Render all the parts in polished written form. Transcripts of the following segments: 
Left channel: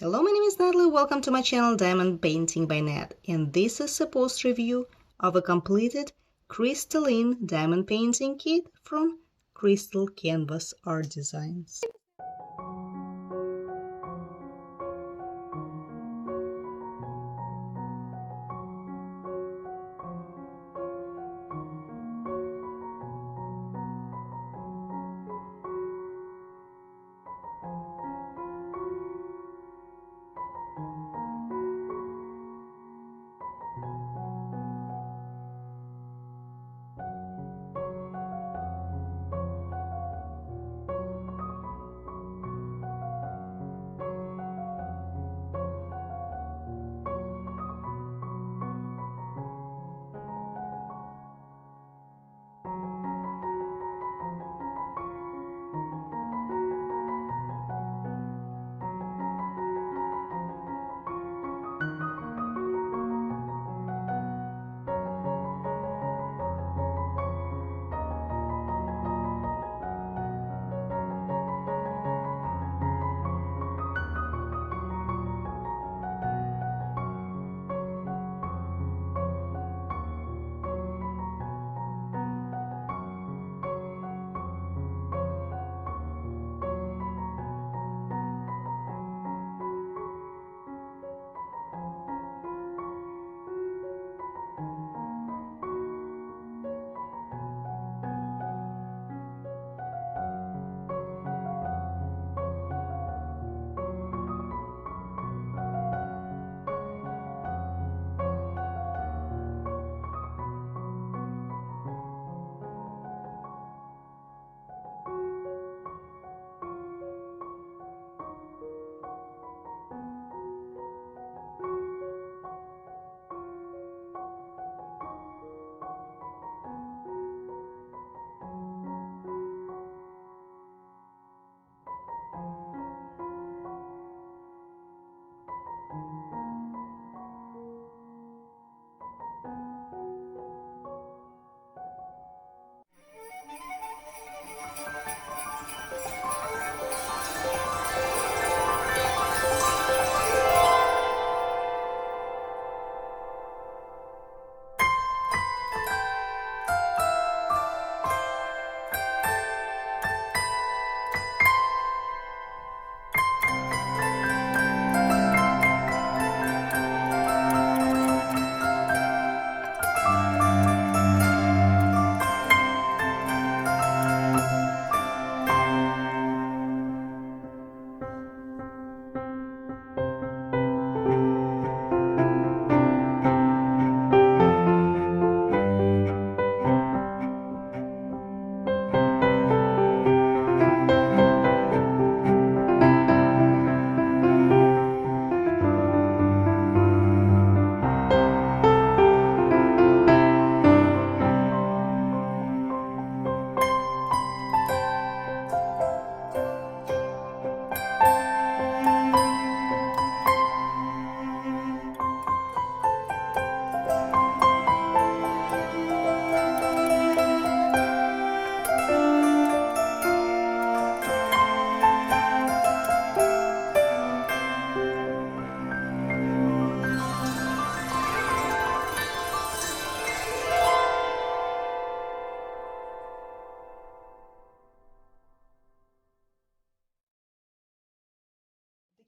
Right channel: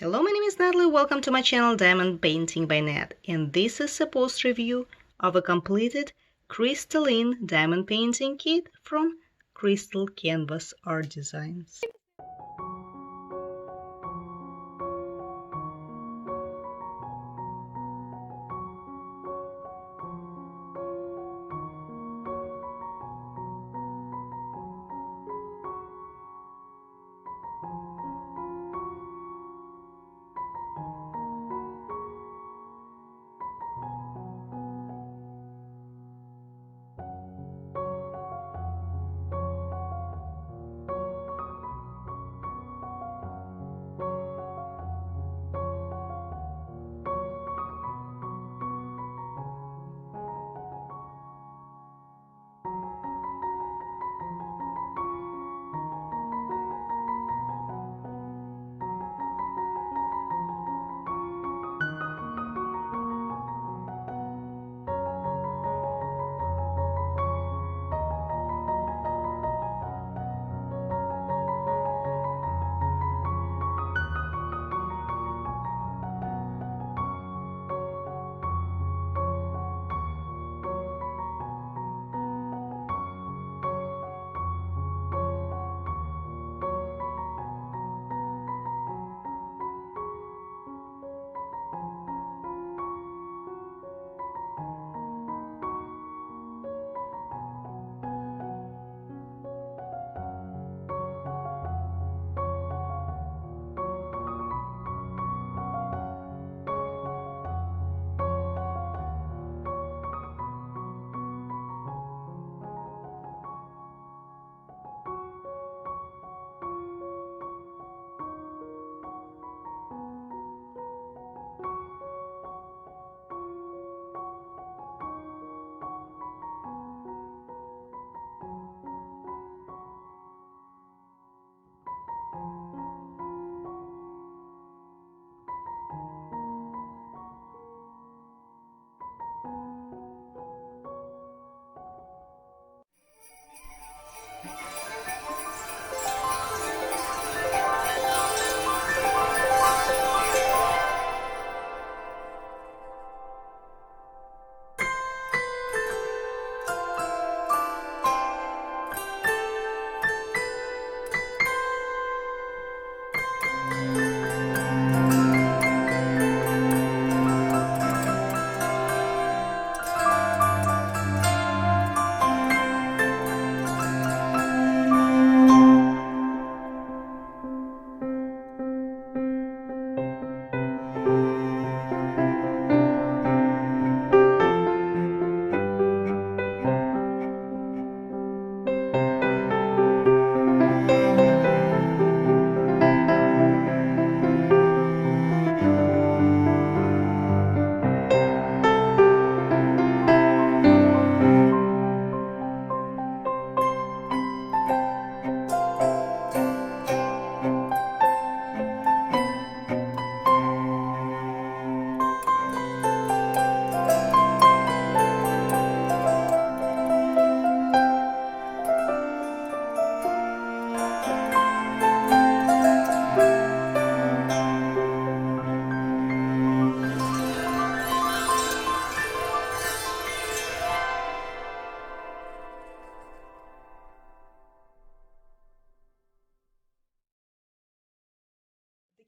Hello, my name is Natalie. Welcome to my channel Diamond Painting by Nat, and this is a post review of a completed crystalline diamond painting kit from Crystal Canvas Art Designs.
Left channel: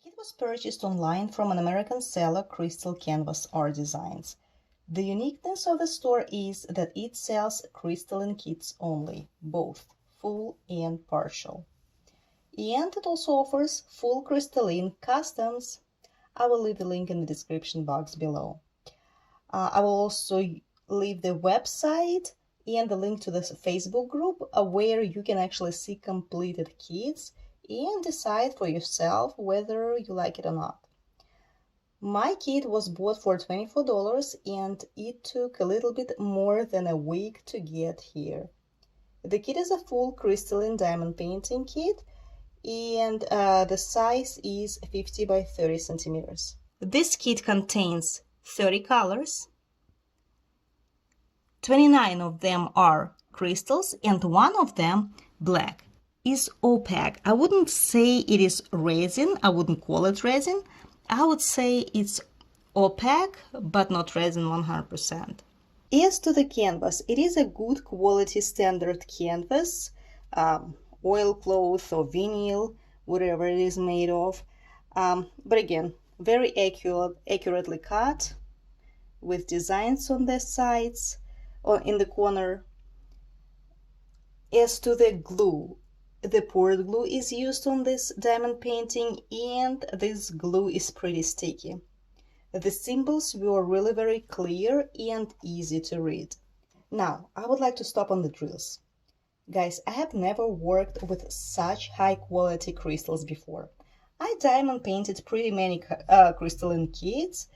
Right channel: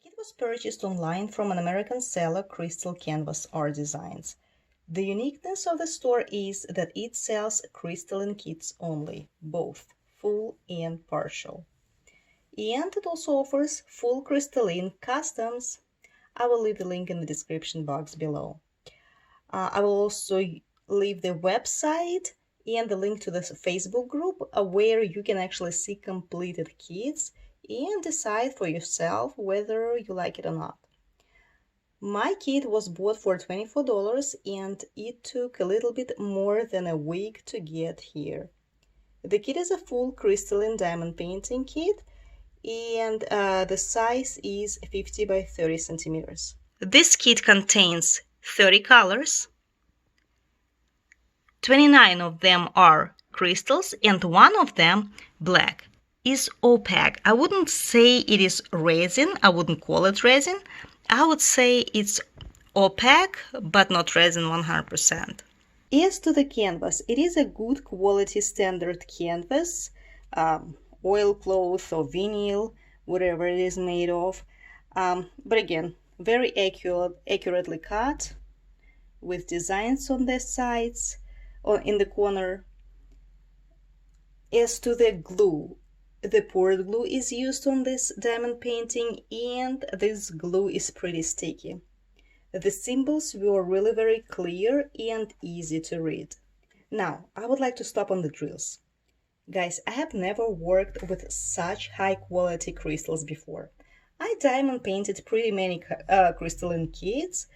The kit was purchased online from an American seller, Crystal Canvas Art Designs. The uniqueness of the store is that it sells crystalline kits only, both full and partial. And it also offers full crystalline customs. I will leave the link in the description box below. I will also leave the website and the link to the Facebook group where you can actually see completed kits and decide for yourself whether you like it or not. My kit was bought for $24 and it took a little bit more than a week to get here. The kit is a full crystalline diamond painting kit and the size is 50 by 30 centimeters. This kit contains 30 colors. 29 of them are crystals and one of them black. is opaque. I wouldn't say it is resin. I wouldn't call it resin. I would say it's opaque, but not resin 100%. As to the canvas, it is a good quality standard canvas, oilcloth or vinyl, whatever it is made of. But again, very accurately cut with designs on the sides or in the corner. As to the glue, the poured glue is used on this diamond painting, and this glue is pretty sticky. The symbols were really very clear and easy to read. Now, I would like to stop on the drills. Guys, I have never worked with such high quality crystals before. I diamond painted pretty many crystalline kits.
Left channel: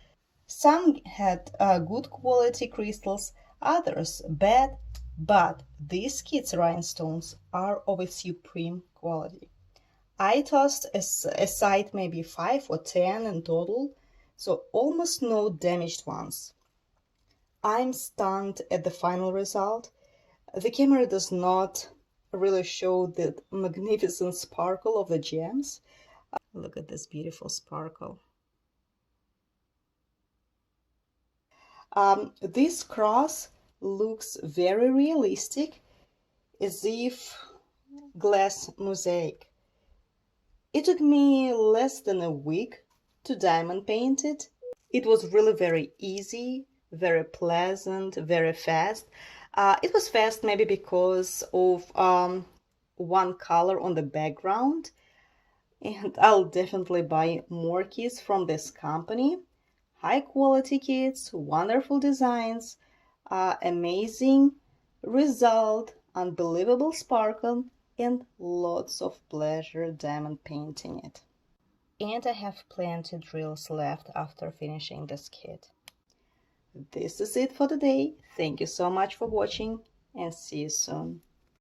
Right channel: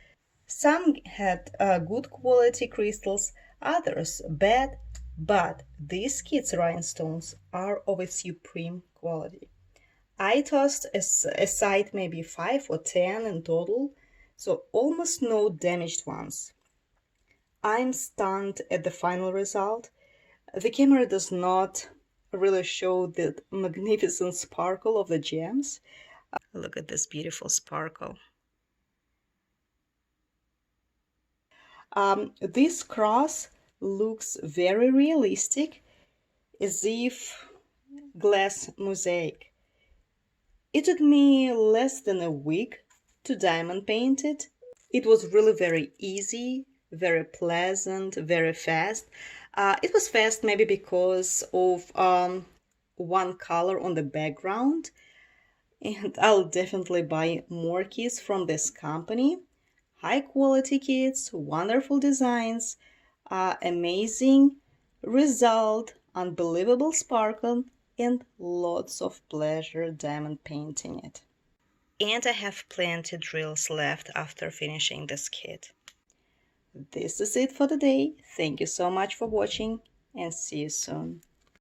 Some had good quality crystals, others bad, but these kits' rhinestones are of a supreme quality. I tossed aside maybe 5 or 10 in total, so almost no damaged ones. I'm stunned at the final result. The camera does not really show the magnificent sparkle of the gems. Look at this beautiful sparkle. This cross looks very realistic, as if glass mosaic. It took me less than a week to diamond paint it. It was really very easy, very pleasant, very fast. It was fast maybe because of one color on the background, and I'll definitely buy more kits from this company. High quality kits, wonderful designs, amazing result, unbelievable sparkle, and lots of pleasure diamond painting it. And I have plenty drills left after finishing this kit. This is it for today. Thank you so much for watching, and see you soon.